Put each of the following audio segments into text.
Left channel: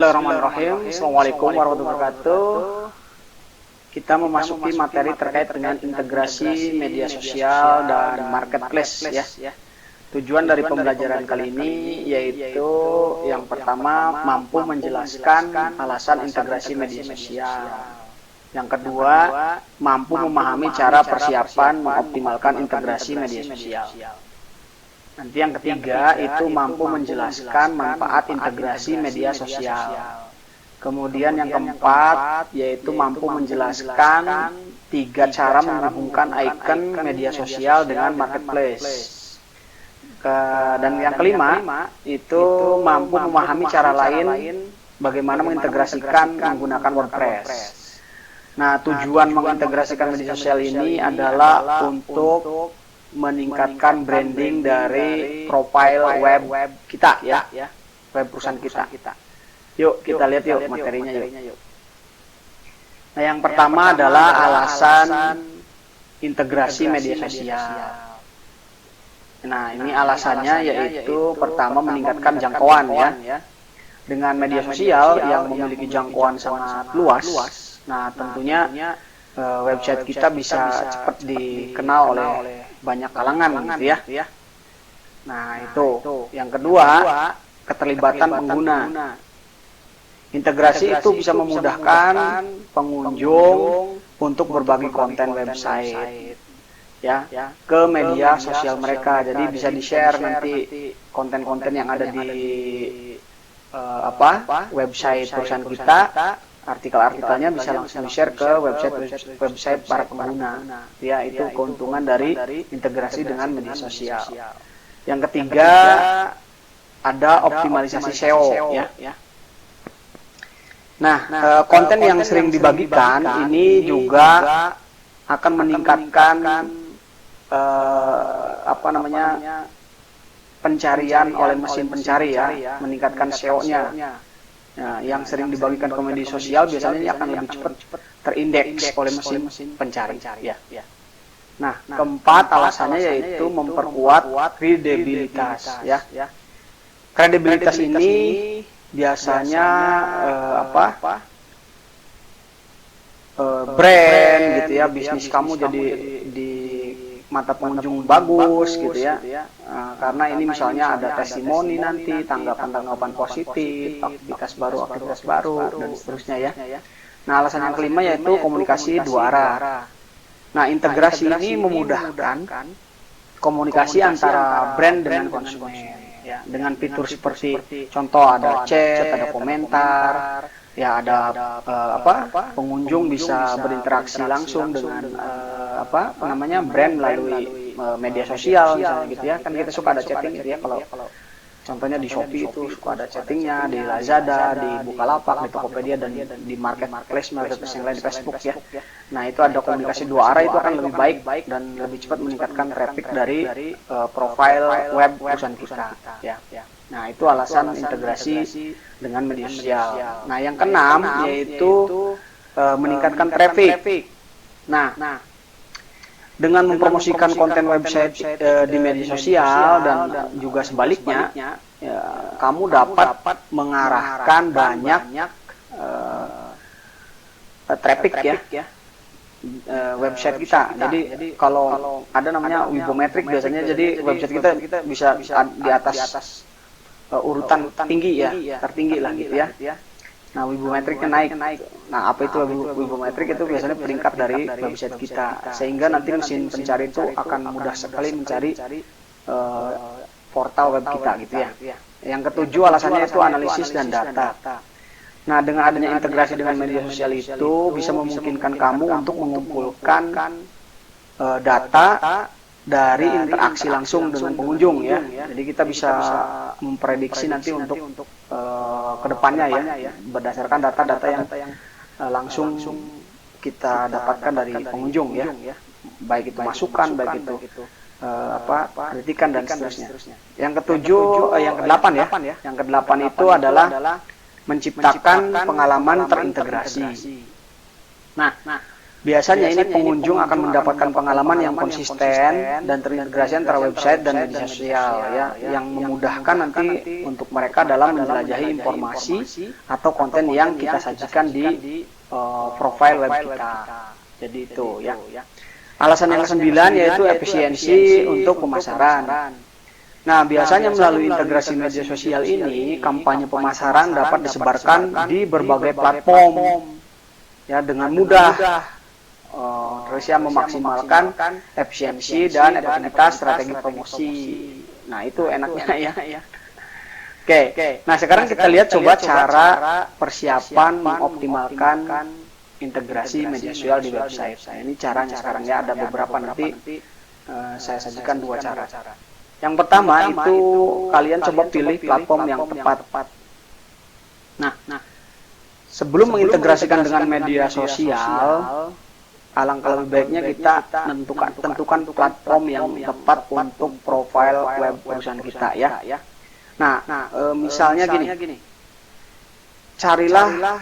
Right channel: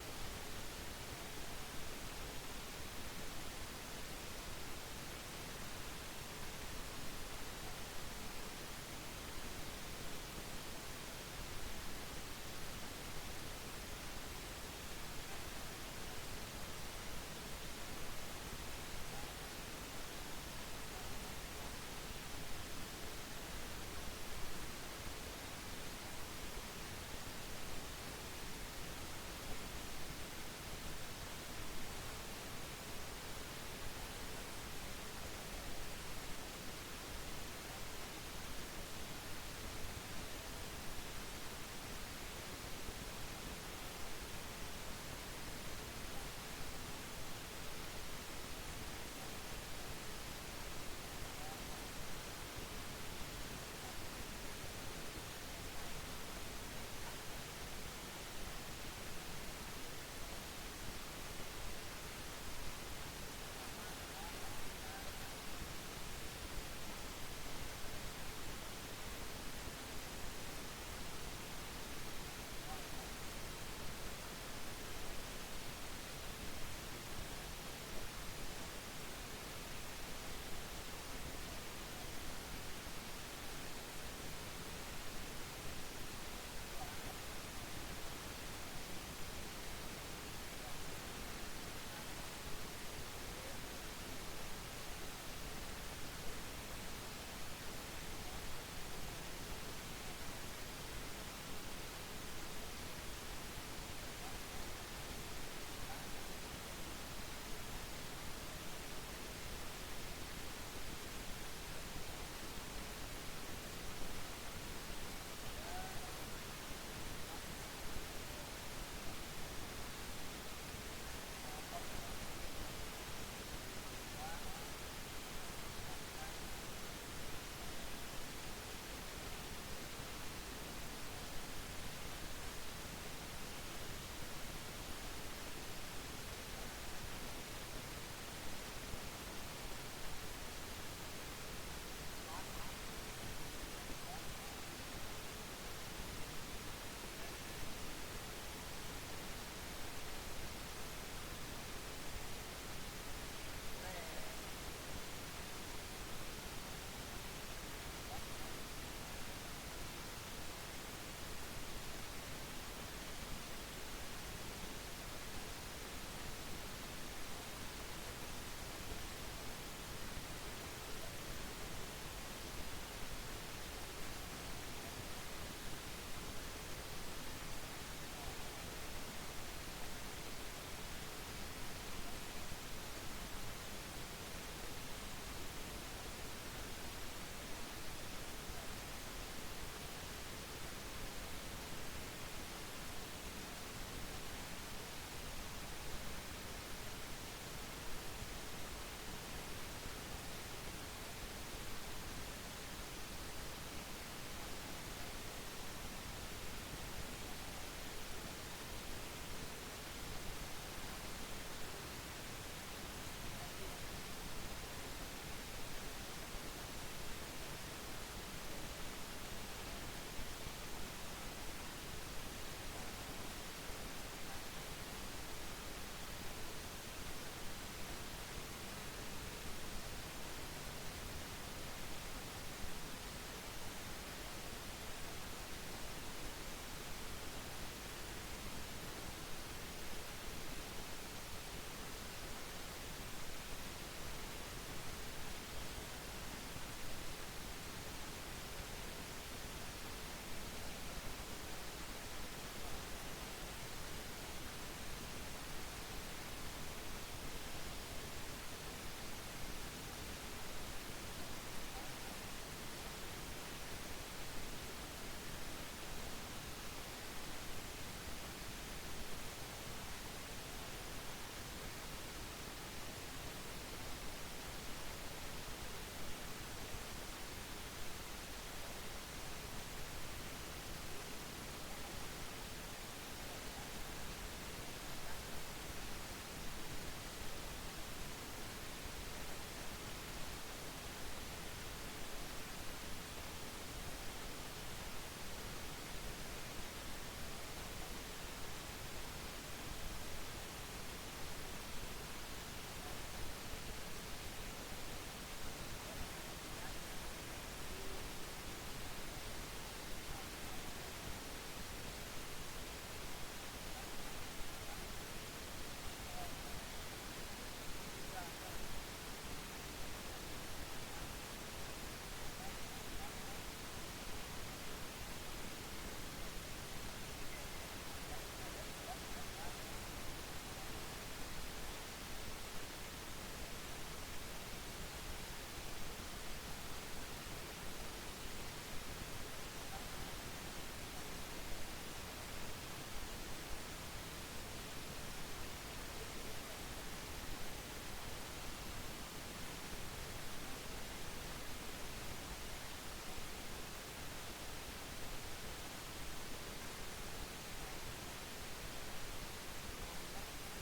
Bismillahirrahmanirrahim. Assalamualaikum warahmatullahi wabarakatuh. Kita memasuki materi terkait dengan integrasi media sosial dan marketplace ya. Tujuan dari pembelajaran kali ini yaitu yang pertama mampu menjelaskan alasan integrasi media sosial. Yang kedua, mampu memahami cara persiapan mengoptimalkan integrasi media sosial. Nanti yang ketiga itu mampu menjelaskan manfaat integrasi media sosial. Kemudian yang keempat yaitu mampu menjelaskan 3 cara menghubungkan icon media sosial dengan marketplace. Dan yang kelima itu mampu memahami cara lain bagaimana mengintegrasikan menggunakan WordPress. Nah, tujuan mengintegrasikan media sosial ini adalah untuk meningkatkan branding dari profile web kita ya, web perusahaan kita. Yuk kita lihat yuk materinya yuk. Nah, yang pertama adalah alasan integrasi media sosial. Nah, ini alasannya yaitu pertama meningkatkan jangkauan ya. Dengan media sosial yang memiliki jangkauan sangat luas. Nah, tentunya website kita bisa cepat dikenal oleh banyak kalangan gitu ya. Nah, itu. Yang kedua, keterlibatan pengguna. Integrasi itu bisa memudahkan pengunjung untuk berbagi konten website ya ke media sosial mereka. Jadi bisa di-share nanti konten-konten yang ada di website perusahaan kita. Artikel-artikelnya bisa langsung di-share ke website para pengguna. Ya, itu keuntungan dari integrasi dengan media sosial. Yang ketiga, ada optimalisasi SEO ya. Nah, konten yang sering dibagikan ini juga akan meningkatkan pencarian oleh mesin pencari ya, meningkatkan SEO-nya. Nah, yang sering dibagikan ke media sosial biasanya akan lebih cepat terindeks oleh mesin pencari ya. Nah, keempat alasannya yaitu memperkuat kredibilitas ya. Kredibilitas ini biasanya brand gitu ya, bisnis kamu jadi di mata pengunjung bagus gitu ya. Karena ini misalnya ada testimoni nanti, tanggapan-tanggapan positif, aktivitas baru dan seterusnya ya. Nah, alasan yang kelima yaitu komunikasi dua arah. Nah, integrasi ini memudahkan komunikasi antara brand dengan konsumen ya, dengan fitur seperti contoh ada chat, ada komentar, ya ada pengunjung bisa berinteraksi langsung dengan brand melalui media sosial misalnya gitu ya. Kan kita suka ada chatting gitu ya, kalau contohnya di Shopee itu suka ada chattingnya, di Lazada, di Bukalapak, di Tokopedia, dan di marketplace yang lain di Facebook ya. Nah, itu ada komunikasi dua arah, itu akan lebih baik dan lebih cepat meningkatkan traffic dari profile web perusahaan kita ya. Nah, itu alasan integrasi dengan media sosial. Nah, yang keenam yaitu meningkatkan traffic. Nah, dengan mempromosikan konten website di media sosial dan juga sebaliknya, kamu dapat mengarahkan banyak traffic ya website kita. Jadi kalau ada namanya Wibometric biasanya, jadi website kita bisa di atas urutan tinggi ya, tertinggi lah gitu ya. Nah, Wibometricnya naik. Nah, apa itu Wibometric? Itu biasanya peringkat dari website kita, sehingga nanti mesin pencari itu akan mudah sekali mencari portal web kita gitu ya. Yang ketujuh alasannya itu analisis dan data. Nah, dengan adanya integrasi dengan media sosial itu bisa memungkinkan kamu untuk mengumpulkan data dari interaksi langsung dengan pengunjung ya. Jadi kita bisa memprediksi nanti untuk kedepannya ya, berdasarkan data-data yang langsung kita dapatkan dari pengunjung ya, baik itu masukan, baik itu kritikan dan seterusnya. Yang kedelapan ya, yang kedelapan itu adalah menciptakan pengalaman terintegrasi. Nah, Biasanya ini pengunjung akan mendapatkan pengalaman yang konsisten dan terintegrasi antara website dan media sosial ya, yang memudahkan nanti untuk mereka dalam menjelajahi informasi atau konten yang kita sajikan di profile web kita. Jadi itu ya. Alasan yang ke-9 yaitu efisiensi untuk pemasaran. Nah, biasanya melalui integrasi media sosial ini, kampanye pemasaran dapat disebarkan di berbagai platform ya dengan mudah. Terus ya memaksimalkan efisiensi dan efektivitas strategi promosi. Nah, itu enaknya ya. Oke. Nah, sekarang kita lihat coba cara persiapan mengoptimalkan integrasi media sosial di website. Nah, ini caranya sekarang ya, ada beberapa, nanti saya sajikan 2 cara. Yang pertama itu kalian coba pilih platform yang tepat. Nah, sebelum mengintegrasikan dengan media sosial, alangkah lebih baiknya kita tentukan platform yang tepat untuk profil web perusahaan kita ya. Nah, misalnya gini, carilah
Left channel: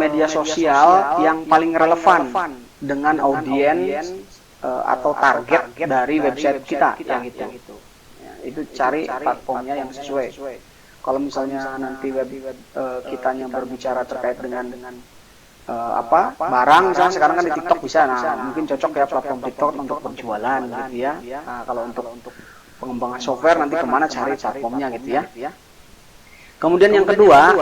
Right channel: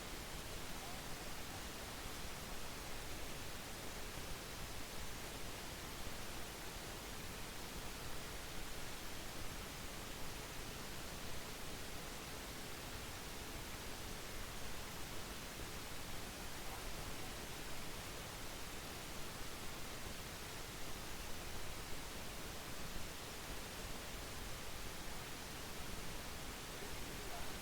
media sosial yang paling relevan dengan audiens atau target dari website kita ya gitu. Itu cari platformnya yang sesuai. Kalau misalnya nanti kitanya berbicara terkait dengan barang, misalnya sekarang kan di TikTok bisa, nah mungkin cocok ya platform TikTok untuk berjualan gitu ya. Nah, kalau untuk pengembangan software nanti kemana cari platformnya gitu ya. Kemudian yang kedua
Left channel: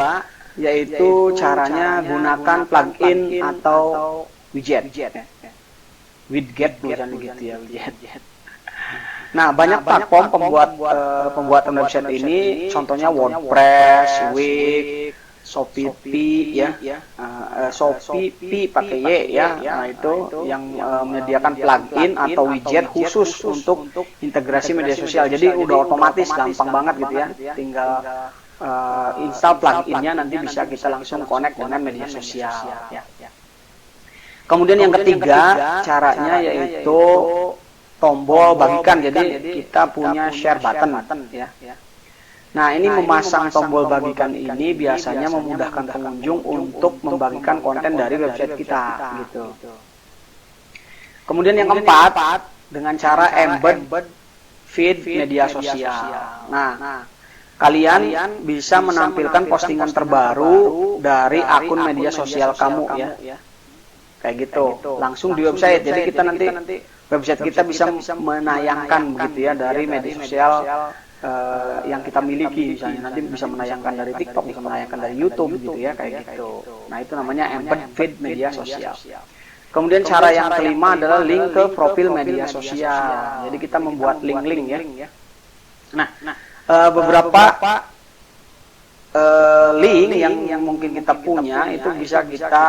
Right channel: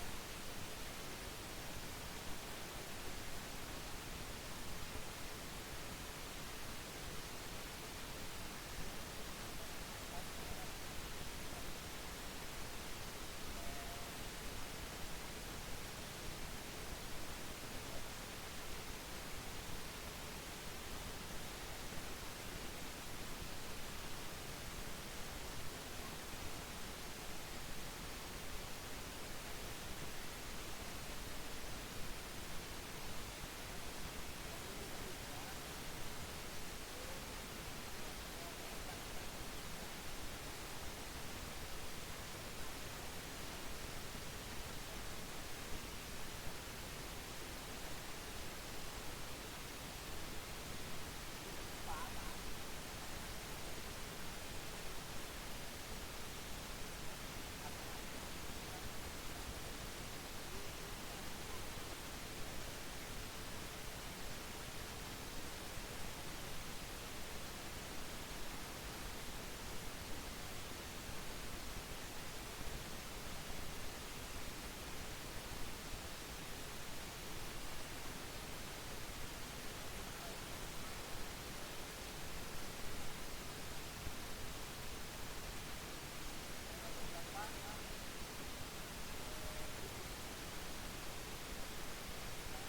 yaitu caranya gunakan plugin atau widget bukan gitu ya, widget. Nah, banyak platform pembuatan website ini, contohnya WordPress, Wix, Shopee ya, Shopee pakai Y ya. Nah, itu yang menyediakan plugin atau widget khusus untuk integrasi media sosial. Jadi udah otomatis, gampang banget gitu ya. Tinggal install pluginnya, nanti bisa kita langsung connect dengan media sosial ya. Kemudian yang ketiga caranya yaitu tombol bagikan. Jadi kita punya share button ya. Nah, ini memasang tombol bagikan ini biasanya memudahkan pengunjung untuk membagikan konten dari website kita gitu. Kemudian yang keempat, dengan cara embed feed media sosial. Nah, kalian bisa menampilkan postingan terbaru dari akun media sosial kamu ya. Kayak gitu, langsung di website. Jadi kita nanti website kita bisa menayangkan begitu ya dari media sosial yang kita miliki. Misalnya nanti bisa menayangkan dari TikTok, bisa menayangkan dari YouTube gitu ya, kayak gitu. Nah, itu namanya embed feed media sosial. Kemudian cara yang kelima adalah link ke profil media sosial. Jadi kita membuat link-link ya. Nah, beberapa link yang mungkin kita punya itu bisa kita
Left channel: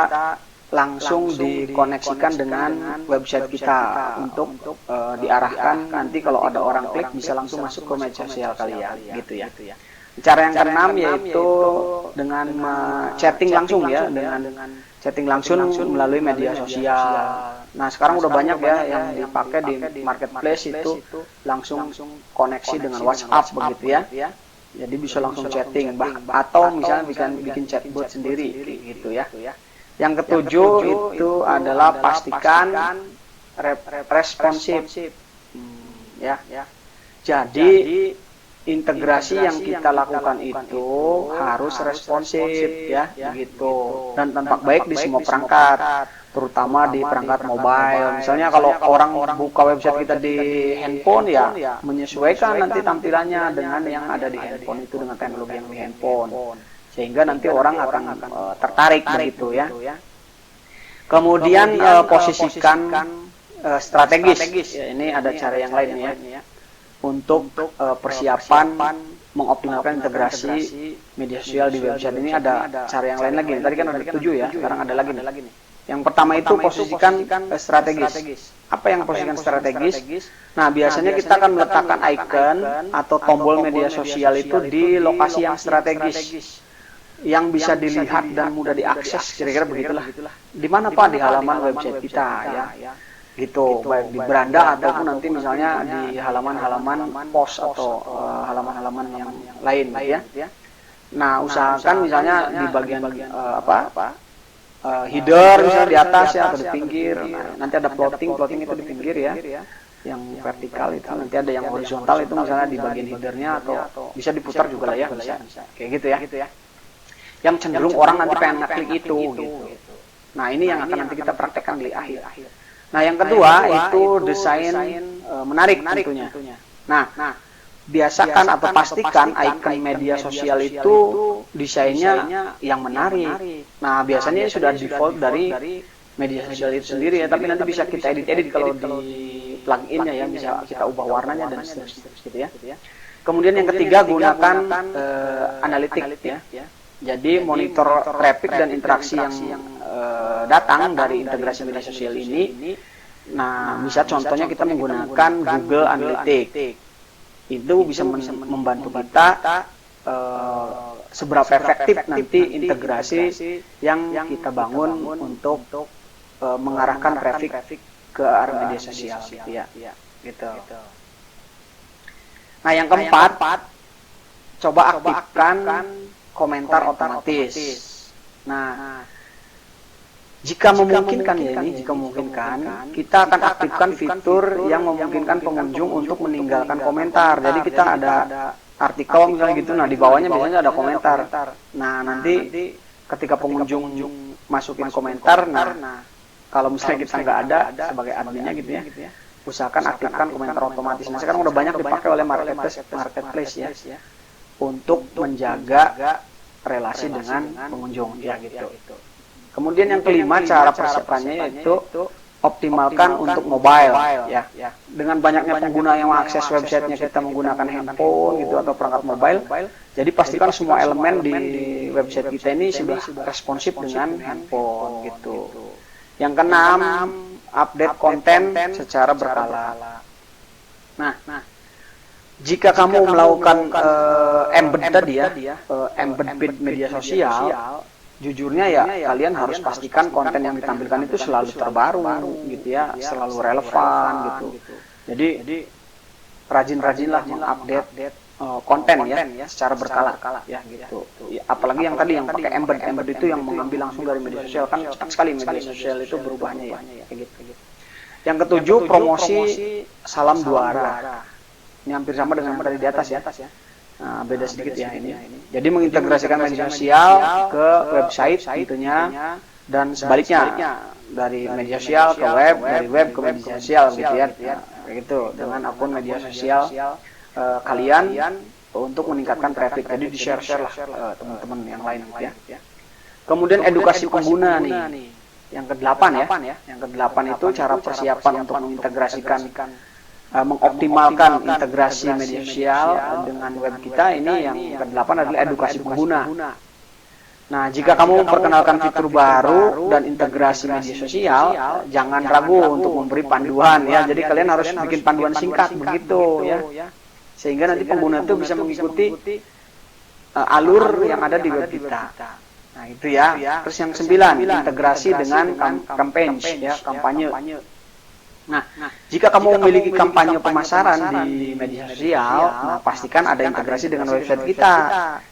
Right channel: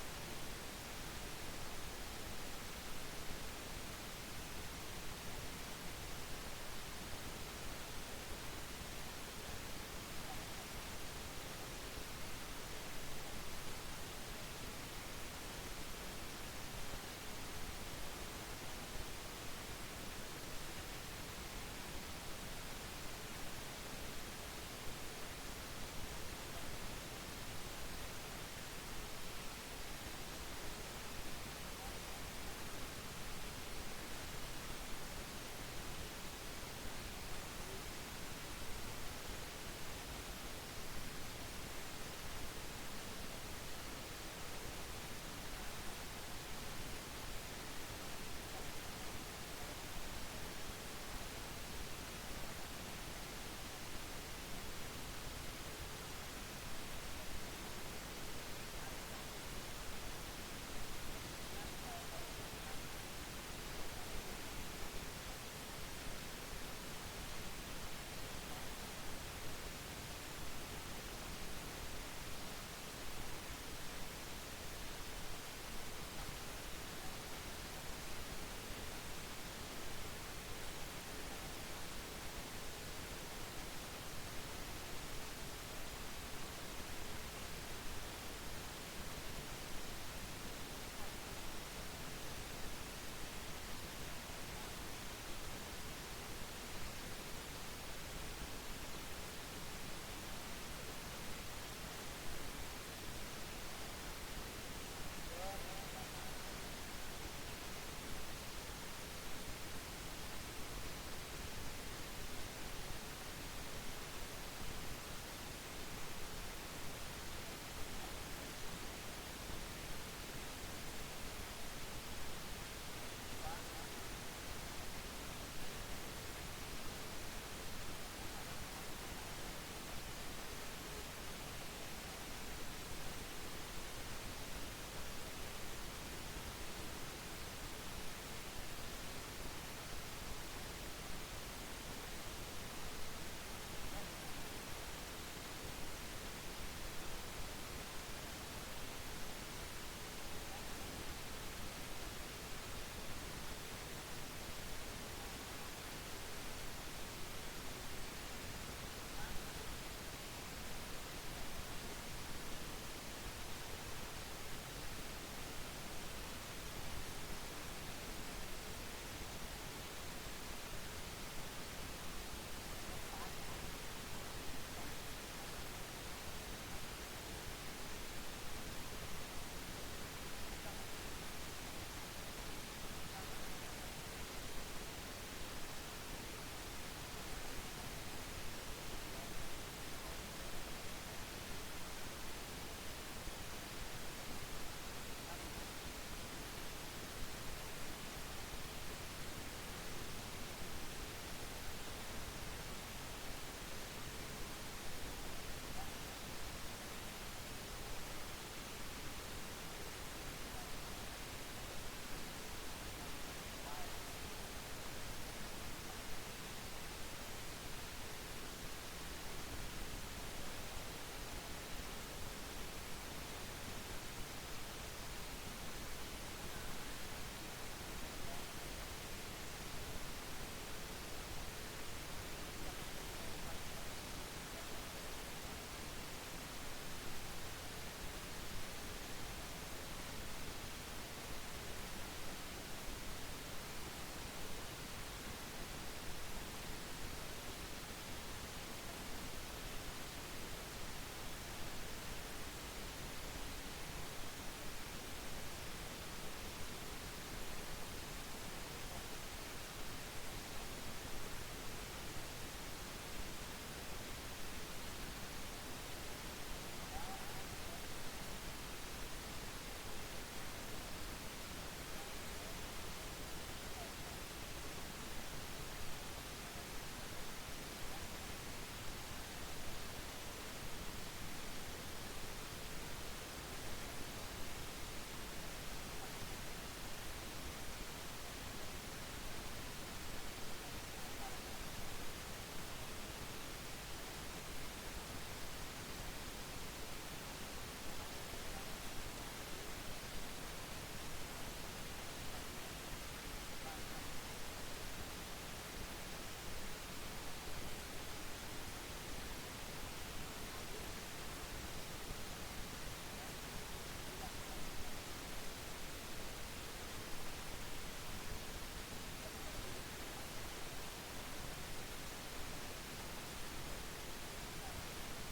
langsung dikoneksikan dengan website kita untuk diarahkan nanti kalau ada orang klik bisa langsung masuk ke media sosial kalian gitu ya. Cara yang keenam yaitu dengan chatting langsung ya, dengan chatting langsung melalui media sosial. Nah, sekarang udah banyak ya yang dipakai di marketplace itu langsung koneksi dengan WhatsApp begitu ya. Jadi bisa langsung chatting atau misalnya bikin chatbot sendiri gitu ya. Yang ketujuh itu adalah pastikan responsif ya. Jadi integrasi yang kita lakukan itu harus responsif ya gitu, dan tampak baik di semua perangkat, terutama di perangkat mobile. Misalnya kalau orang buka website kita di handphone ya menyesuaikan nanti tampilannya dengan yang ada di handphone itu, dengan teknologi yang di handphone, sehingga nanti orang akan tertarik begitu ya. Kemudian posisikan strategis. Ya, ini ada cara yang lain ya untuk persiapan mengoptimalkan integrasi media sosial di website. Ini ada cara yang lain lagi. Tadi kan ada 7 ya, sekarang ada lagi nih. Yang pertama itu posisikan strategis. Apa yang posisikan strategis? Nah, biasanya kita akan meletakkan icon atau tombol media sosial itu di lokasi yang strategis, yang bisa dilihat dan mudah diakses, kira-kira begitulah. Di mana Pak? Di halaman website kita ya. Gitu, baik di beranda ataupun nanti misalnya di halaman-halaman post atau halaman-halaman yang lain ya. Nah, usahakan misalnya di bagian header misalnya di atas ya atau di pinggir. Nah, nanti ada plotting itu di pinggir ya. Yang vertikal itu nanti ada yang horizontal itu misalnya di bagian headernya atau bisa diputar juga lah ya, bisa. Kayak gitu ya. Yang cenderung orang nanti pengen ngeklik itu gitu. Nah, ini yang akan nanti kita praktekkan di akhir. Nah, yang kedua itu desain menarik tentunya. Nah, biasakan atau pastikan icon media sosial itu desainnya yang menarik. Nah, biasanya sudah default dari media sosial itu sendiri ya, tapi nanti bisa kita edit kalau di pluginnya ya, bisa kita ubah warnanya dan seterusnya gitu ya. Kemudian yang ketiga, gunakan analitik ya. Jadi monitor traffic dan interaksi yang datang dari integrasi media sosial ini. Nah, bisa contohnya kita menggunakan Google Analytics. Itu bisa membantu kita seberapa efektif nanti integrasi yang kita bangun untuk mengarahkan traffic ke arah media sosial gitu ya. Gitu. Nah, yang keempat, coba aktifkan komentar otomatis. Nah, jika memungkinkan ya ini, kita akan aktifkan fitur yang memungkinkan pengunjung untuk meninggalkan komentar. Jadi kita ada artikel misalnya gitu, nah di bawahnya biasanya ada komentar. Nah, nanti ketika pengunjung masukin komentar, nah kalau misalnya kita nggak ada sebagai adminnya gitu ya, usahakan aktifkan komentar otomatis. Nah, sekarang udah banyak dipakai oleh marketplace ya, untuk menjaga relasi dengan pengunjung ya gitu. Kemudian yang kelima, cara persiapannya yaitu optimalkan untuk mobile ya. Dengan banyaknya pengguna yang mengakses websitenya kita menggunakan handphone gitu atau perangkat mobile, jadi pastikan semua elemen di website kita ini sudah responsif dengan handphone gitu. Yang keenam, update konten secara berkala. Nah, jika kamu melakukan embed tadi ya, embed media sosial, jujurnya ya kalian harus pastikan konten yang ditampilkan itu selalu terbaru gitu ya, selalu relevan gitu. Jadi rajin-rajinlah mengupdate konten ya secara berkala ya gitu. Ya, apalagi yang tadi yang pakai embed itu yang mengambil langsung dari media sosial, kan cepat sekali media sosial itu berubahnya ya kayak gitu. Yang ketujuh, promosi salam dua arah. Ini hampir sama dengan yang tadi di atas ya. Nah, beda sedikit ya ini. Jadi mengintegrasikan media sosial ke website tentunya dan sebaliknya, dari media sosial ke web, dari web ke media sosial gitu ya. Kayak gitu dengan akun media sosial kalian untuk meningkatkan traffic. Jadi di-share lah teman-teman yang lain gitu ya. Kemudian edukasi pengguna nih. Yang ke-8 ya. Yang ke-8 itu cara persiapan untuk mengintegrasikan mengoptimalkan integrasi media sosial dengan web kita. Ini yang ke-8 adalah edukasi pengguna. Nah, jika kamu memperkenalkan fitur baru dan integrasi media sosial, jangan ragu untuk memberi panduan ya. Jadi kalian harus bikin panduan singkat begitu ya, sehingga nanti pengguna itu bisa mengikuti alur yang ada di web kita. Nah, itu ya. Terus yang 9, integrasi dengan campaign ya, kampanye. Nah, jika kamu memiliki kampanye pemasaran di media sosial, nah pastikan ada integrasi dengan website kita,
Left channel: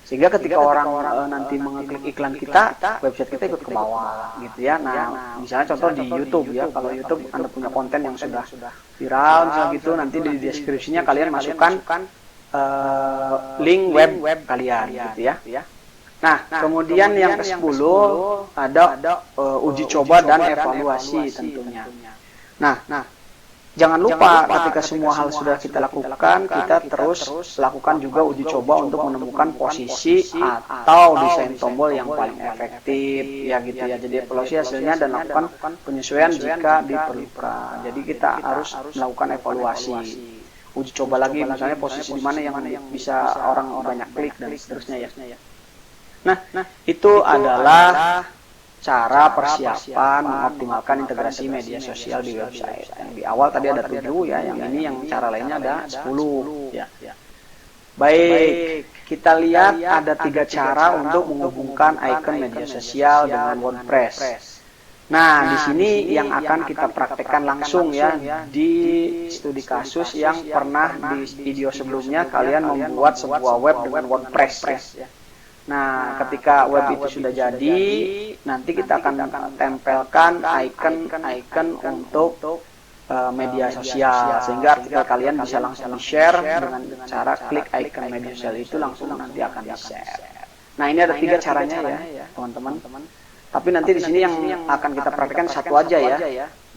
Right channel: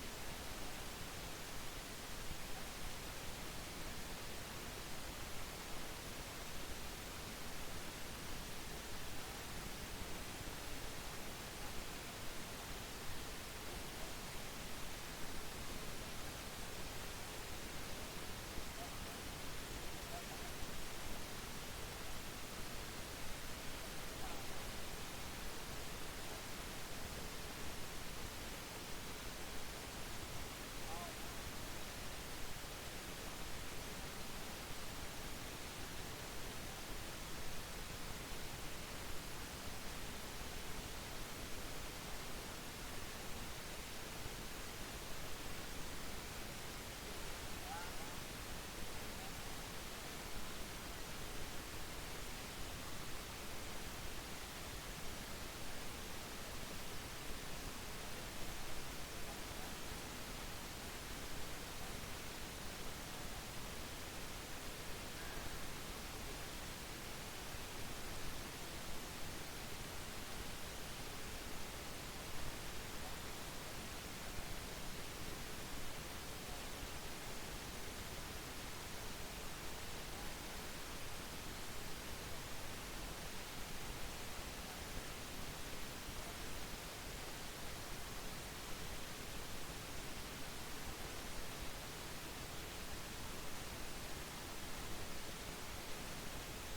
sehingga ketika orang nanti mengeklik iklan kita, website kita ikut ke bawah, gitu ya. Nah, misalnya contoh di YouTube ya, kalau YouTube Anda punya konten yang sudah viral, misalnya gitu, nanti di deskripsinya kalian masukkan link web kalian, gitu ya. Nah, kemudian yang ke-10 ada uji coba dan evaluasi tentunya. Nah, jangan lupa ketika semua hal sudah kita lakukan, kita terus lakukan juga uji coba untuk menemukan posisi atau desain tombol yang paling efektif ya gitu ya. Jadi evaluasi hasilnya dan lakukan penyesuaian jika diperlukan. Jadi kita harus melakukan evaluasi, uji coba lagi misalnya posisi mana yang bisa orang banyak klik dan seterusnya ya. Nah, itu adalah cara persiapan mengoptimalkan integrasi media sosial di website. Yang di awal tadi ada 7 ya, yang ini yang cara lainnya ada 10 ya. Baik, kita lihat ada 3 cara untuk menghubungkan icon media sosial dengan WordPress. Nah, di sini yang akan kita praktekkan langsung ya di studi kasus yang pernah di video sebelumnya kalian membuat sebuah web dengan WordPress ya. Nah, ketika web itu sudah jadi, nanti kita akan tempelkan icon untuk media sosial, sehingga artikel kalian bisa langsung di-share dengan cara klik icon media sosial itu, langsung nanti akan di-share. Nah, ini ada 3 caranya ya, teman-teman. Tapi nanti di sini yang akan kita praktekkan satu aja ya.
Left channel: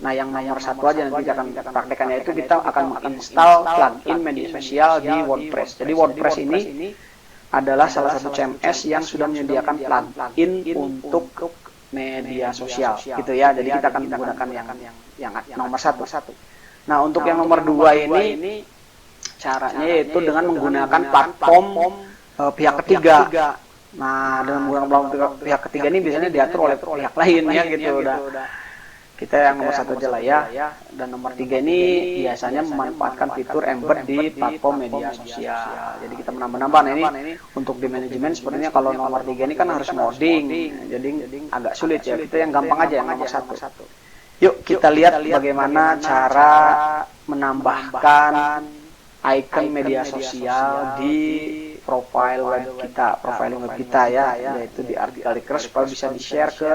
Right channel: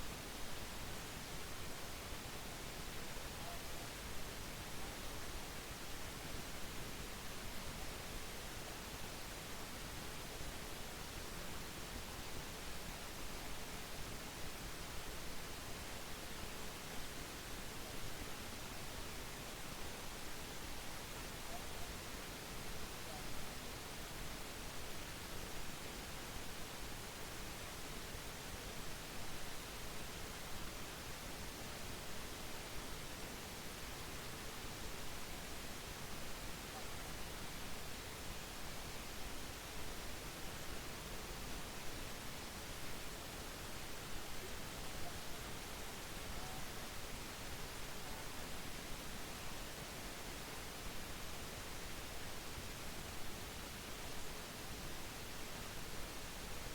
Nah, yang nomor 1 aja nanti akan kita praktekannya itu kita akan menginstal plugin media sosial di WordPress. Jadi WordPress ini adalah salah satu CMS yang sudah menyediakan plugin untuk media sosial gitu ya. Jadi kita akan menggunakan yang nomor 1. Nah, untuk yang nomor 2 ini caranya yaitu dengan menggunakan platform pihak ketiga. Nah, dengan menggunakan pihak ketiga ini biasanya diatur oleh pihak lain ya gitu. Udah kita yang nomor 1 aja lah ya. Dan nomor 3 ini biasanya memanfaatkan fitur embed di platform media sosial. Jadi kita menambah-nambah. Nah, ini untuk di manajemen sepertinya kalau nomor 3 ini kan harus modding. Jadi agak sulit ya. Kita yang gampang aja yang nomor 1. Yuk kita lihat bagaimana cara menambahkan icon media sosial di profile web kita ya, yaitu di artikel request supaya bisa di-share ke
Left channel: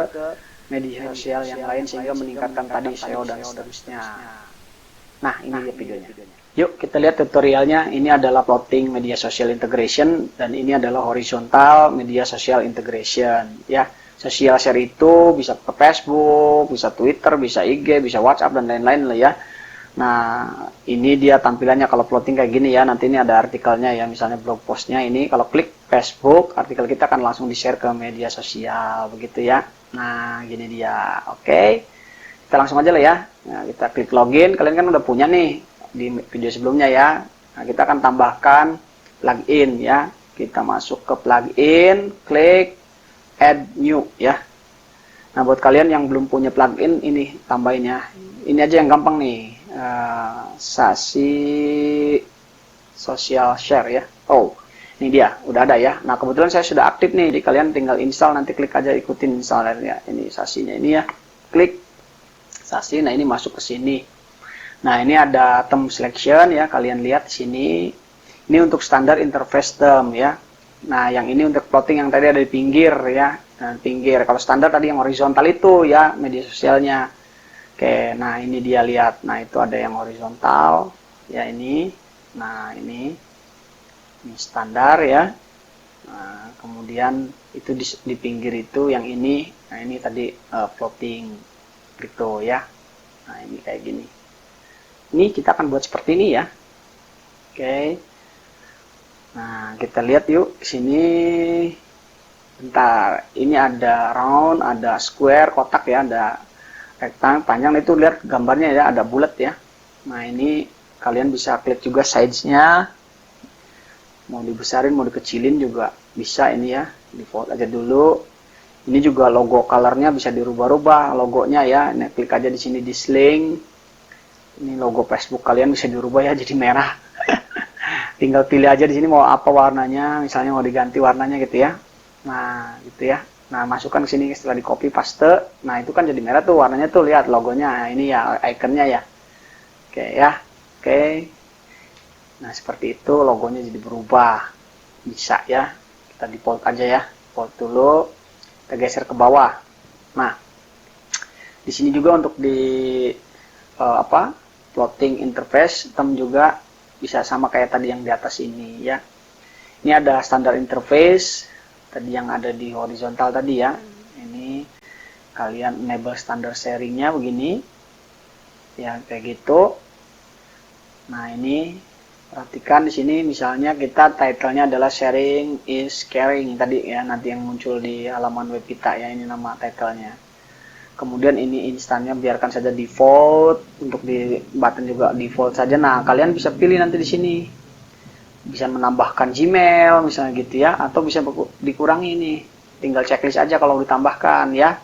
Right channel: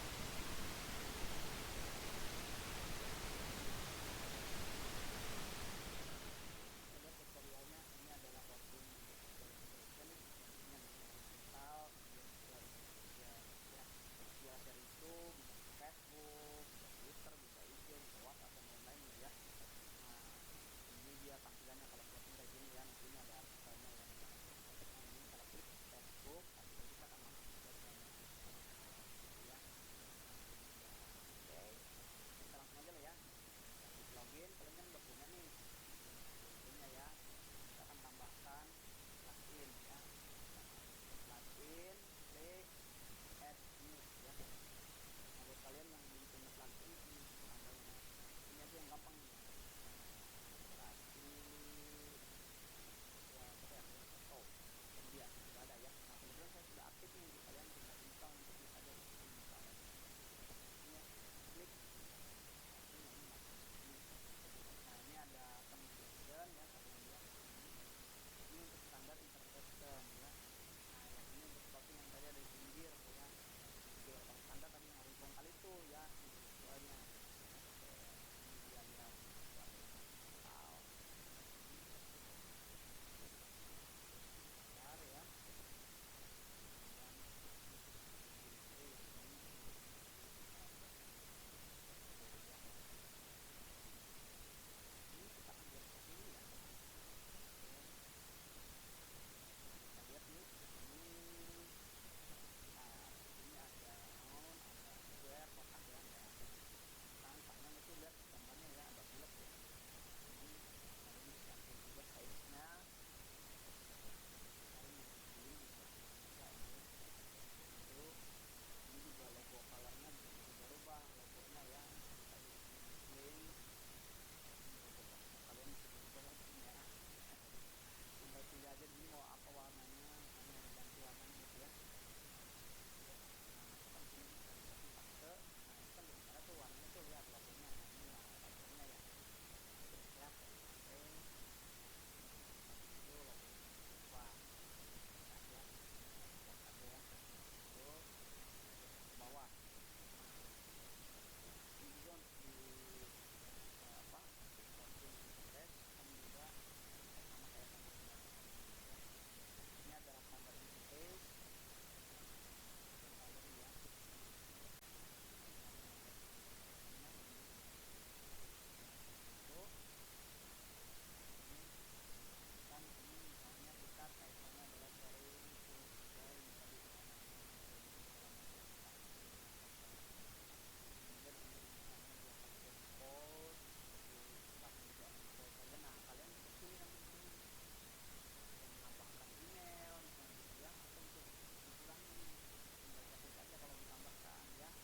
media sosial yang lain sehingga meningkatkan tadi SEO dan seterusnya. Nah, ini dia videonya. Yuk kita lihat tutorialnya. Ini adalah plotting media social integration dan ini adalah horizontal media social integration ya. Social share itu bisa ke Facebook, bisa Twitter, bisa IG, bisa WhatsApp dan lain-lain lah ya. Nah, ini dia tampilannya kalau plotting kayak gini ya. Nanti ini ada artikelnya ya, misalnya blog postnya ini. Kalau klik Facebook, artikel kita akan langsung di-share ke media sosial begitu ya. Nah, gini dia. Oke. Kita langsung aja lah ya. Nah, kita klik login. Kalian kan udah punya nih di video sebelumnya ya. Nah, kita akan tambahkan plugin ya. Kita masuk ke plugin, klik add new ya. Nah, buat kalian yang belum punya plugin ini tambahin ya. Ini aja yang gampang nih. Sasi social share ya. Oh, ini dia, udah ada ya. Nah, kebetulan saya sudah aktif nih. Jadi kalian tinggal install, nanti klik aja ikutin installernya. Ini sasinya ini ya. Klik sasi. Nah, ini masuk ke sini. Nah, ini ada term selection ya. Kalian lihat di sini. Ini untuk standar interface term ya. Nah, yang ini untuk plotting yang tadi ada di pinggir ya. Nah, pinggir. Kalau standar tadi yang horizontal itu ya, media sosialnya. Oke, nah ini dia lihat. Nah, itu ada yang horizontal ya ini. Nah, ini standar ya. Nah, kemudian itu di pinggir itu yang ini. Nah, ini tadi plotting gitu ya. Nah, ini kayak gini. Ini kita akan buat seperti ini ya. Oke. Nah, kita lihat yuk sini. Bentar, ini ada round, ada square, kotak ya, ada rectangle, panjang. Itu lihat gambarnya ya, ada bulat ya. Nah, ini kalian bisa klik juga size-nya. Mau dibesarin, mau dikecilin juga bisa ini ya. Default aja dulu. Ini juga logo color-nya bisa dirubah-rubah logonya ya. Nah, klik aja di sini di link. Ini logo Facebook kalian bisa dirubah ya jadi merah. Tinggal pilih aja di sini mau apa warnanya, misalnya mau diganti warnanya gitu ya. Nah, gitu ya. Nah, masukkan ke sini setelah di copy paste. Nah, itu kan jadi merah tuh warnanya tuh, lihat logonya. Nah, ini ya ikonnya ya. Oke ya. Oke. Nah, seperti itu logonya jadi berubah. Bisa ya. Kita default aja ya. Default dulu. Kita geser ke bawah. Nah, di sini juga untuk di plotting interface term juga bisa sama kayak tadi yang di atas ini ya. Ini ada standar interface tadi yang ada di horizontal tadi ya. Ini kalian enable standard sharingnya begini ya, kayak gitu. Nah, ini perhatikan di sini misalnya kita title-nya adalah sharing is caring tadi ya, nanti yang muncul di halaman web kita ya, ini nama title-nya. Kemudian ini instannya biarkan saja default, untuk di button juga default saja. Nah, kalian bisa pilih nanti di sini. Bisa menambahkan Gmail misalnya gitu ya, atau bisa dikurangi nih. Tinggal checklist aja kalau ditambahkan ya.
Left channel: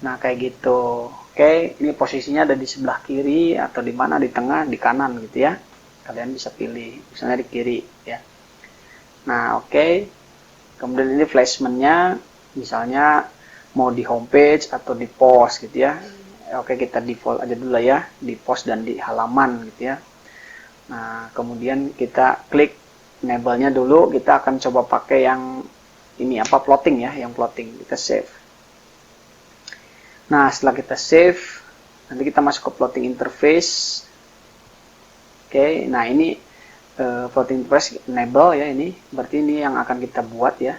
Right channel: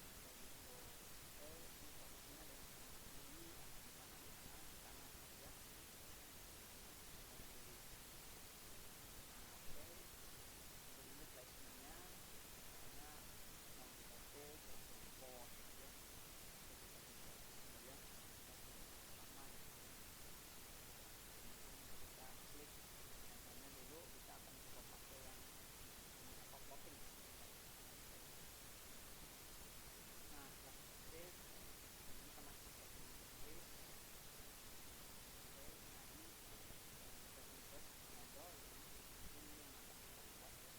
Nah, kayak gitu. Oke, ini posisinya ada di sebelah kiri atau di mana, di tengah, di kanan gitu ya. Kalian bisa pilih, misalnya di kiri ya. Nah, oke. Kemudian ini flashment-nya misalnya mau di homepage atau di post gitu ya. Oke, kita default aja dulu ya, di post dan di halaman gitu ya. Nah, kemudian kita klik enable-nya dulu. Kita akan coba pakai yang ini apa, plotting ya, yang plotting. Kita save. Nah, setelah kita save, nanti kita masuk ke plotting interface. Oke, nah ini plotting interface enable ya, ini berarti ini yang akan kita buat ya.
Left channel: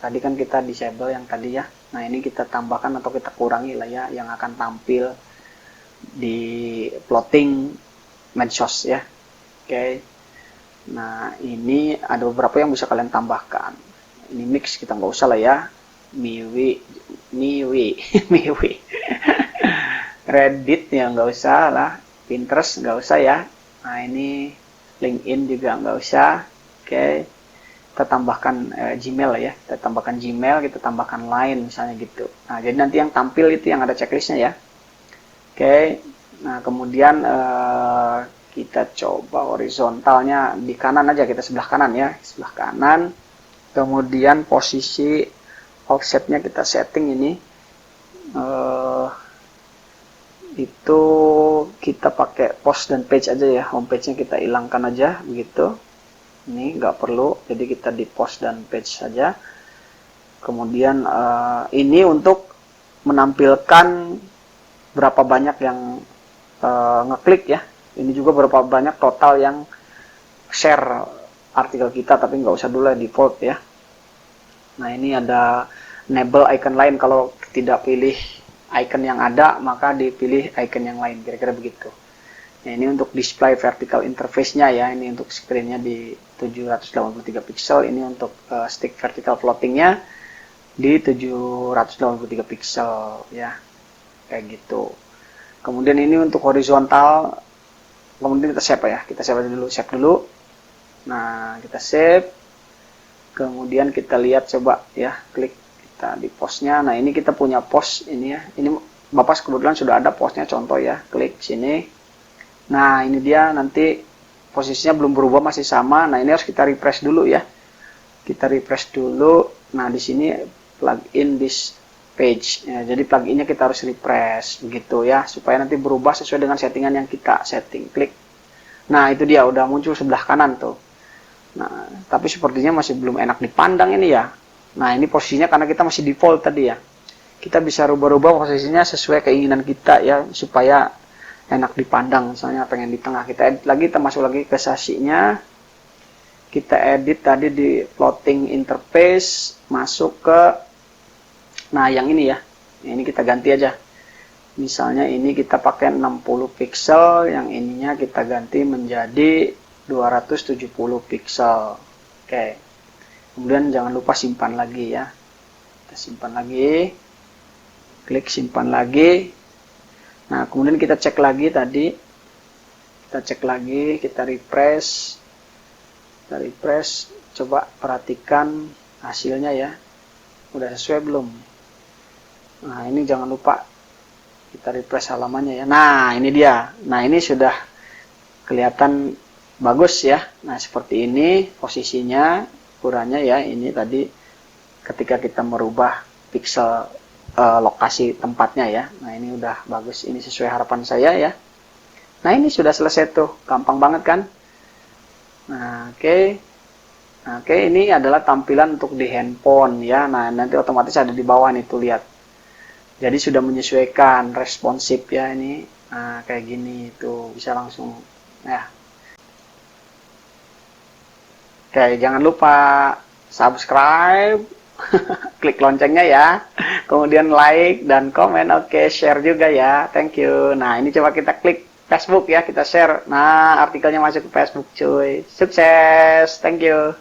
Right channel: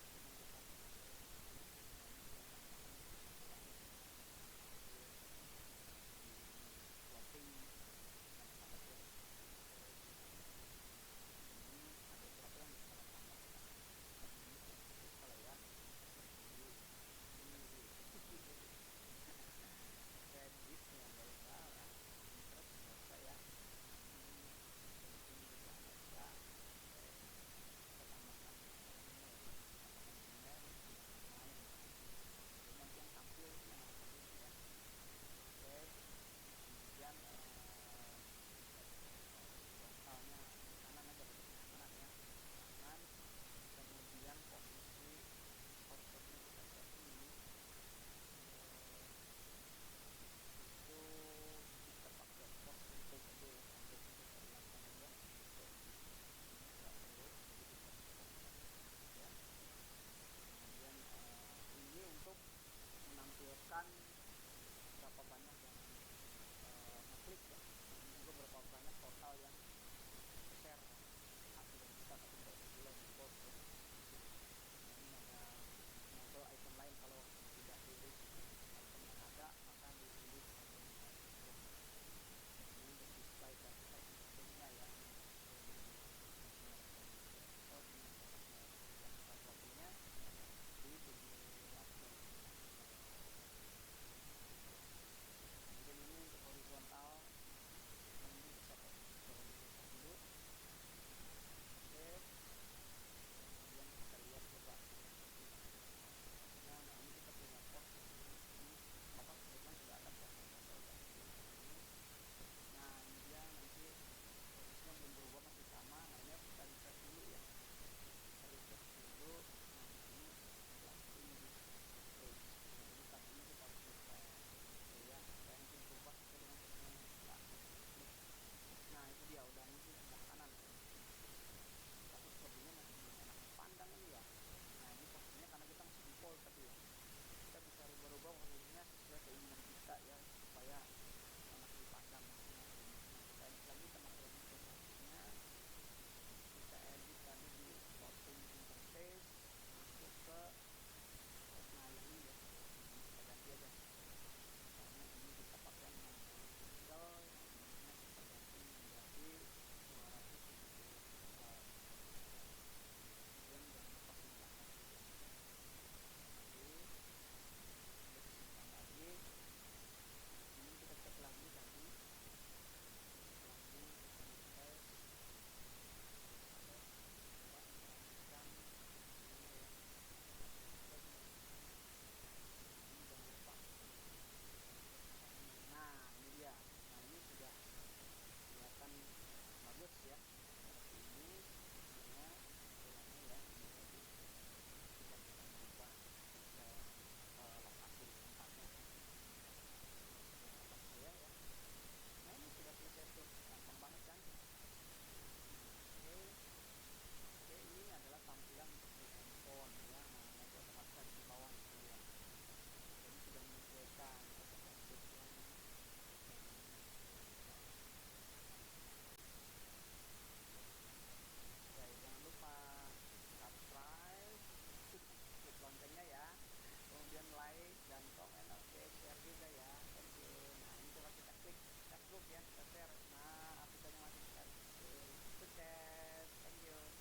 Tadi kan kita disable yang tadi ya. Nah, ini kita tambahkan atau kita kurangi lah ya, yang akan tampil di plotting medsos ya. Oke. Nah, ini ada beberapa yang bisa kalian tambahkan. Ini mix kita nggak usah lah ya. Miwi. Reddit ya nggak usah lah. Pinterest nggak usah ya. Nah, ini LinkedIn juga nggak usah. Oke. Kita tambahkan Gmail ya. Kita tambahkan Gmail, kita tambahkan Line misalnya gitu. Nah, jadi nanti yang tampil itu yang ada checklistnya ya. Oke. Nah, kemudian kita coba horizontalnya di kanan aja, kita sebelah kanan ya, sebelah kanan. Kemudian posisi offsetnya kita setting ini itu kita pakai post dan page aja ya, homepage-nya kita hilangkan aja begitu. Ini nggak perlu, jadi kita di post dan page saja. Kemudian ini untuk menampilkan berapa banyak yang ngeklik ya. Ini juga berapa banyak total yang share artikel kita, tapi nggak usah dulu ya, default ya. Nah, ini ada enable icon lain. Kalau tidak pilih icon yang ada, maka dipilih icon yang lain, kira-kira begitu. Nah, ini untuk display vertical interface-nya ya. Ini untuk screen-nya di 783 pixel. Ini untuk stick vertical plotting-nya di 783 pixel ya. Kayak gitu. Kemudian ini untuk horizontal, kemudian kita save ya, kita save dulu. Nah, kita save, kemudian kita lihat coba ya, klik kita di postnya. Nah, ini kita punya post ini ya, ini Bapak kebetulan sudah ada postnya, contoh ya, klik sini. Nah, ini dia, nanti posisinya belum berubah, masih sama. Nah, ini harus kita refresh dulu ya, kita refresh dulu. Nah, di sini plugin this page ya, jadi pluginnya kita harus refresh begitu ya, supaya nanti berubah sesuai dengan settingan yang kita setting. Klik. Nah, itu dia udah muncul sebelah kanan tuh. Nah, tapi sepertinya masih belum enak dipandang ini ya. Nah, ini posisinya karena kita masih default tadi ya. Kita bisa rubah-rubah posisinya sesuai keinginan kita ya, supaya enak dipandang. Misalnya pengen di tengah, kita edit lagi, kita masuk lagi ke sasinya. Kita edit tadi di plotting interface, masuk ke, nah yang ini ya, ini kita ganti aja. Misalnya ini kita pakai 60 pixel, yang ininya kita ganti menjadi 270 pixel. Oke. Kemudian jangan lupa simpan lagi ya. Kita simpan lagi. Klik simpan lagi. Nah, kemudian kita cek lagi tadi. Kita cek lagi, kita refresh. Kita refresh, coba perhatikan hasilnya ya. Udah sesuai belum? Nah, ini jangan lupa kita refresh halamannya ya. Nah, ini dia. Nah, ini sudah kelihatan bagus ya. Nah, seperti ini posisinya, ukurannya ya. Ini tadi ketika kita merubah pixel lokasi tempatnya ya. Nah, ini udah bagus. Ini sesuai harapan saya ya. Nah, ini sudah selesai tuh. Gampang banget kan? Nah, oke. Nah, oke, ini adalah tampilan untuk di handphone ya. Nah, nanti otomatis ada di bawah nih tuh, lihat. Jadi sudah menyesuaikan, responsif ya ini. Nah, kayak gini tuh bisa langsung ya. Oke, jangan lupa subscribe, klik loncengnya ya. Kemudian like dan komen, oke, share juga ya. Thank you. Nah, ini coba kita klik Facebook ya, kita share. Nah, artikelnya masuk ke Facebook cuy. Sukses. Thank you.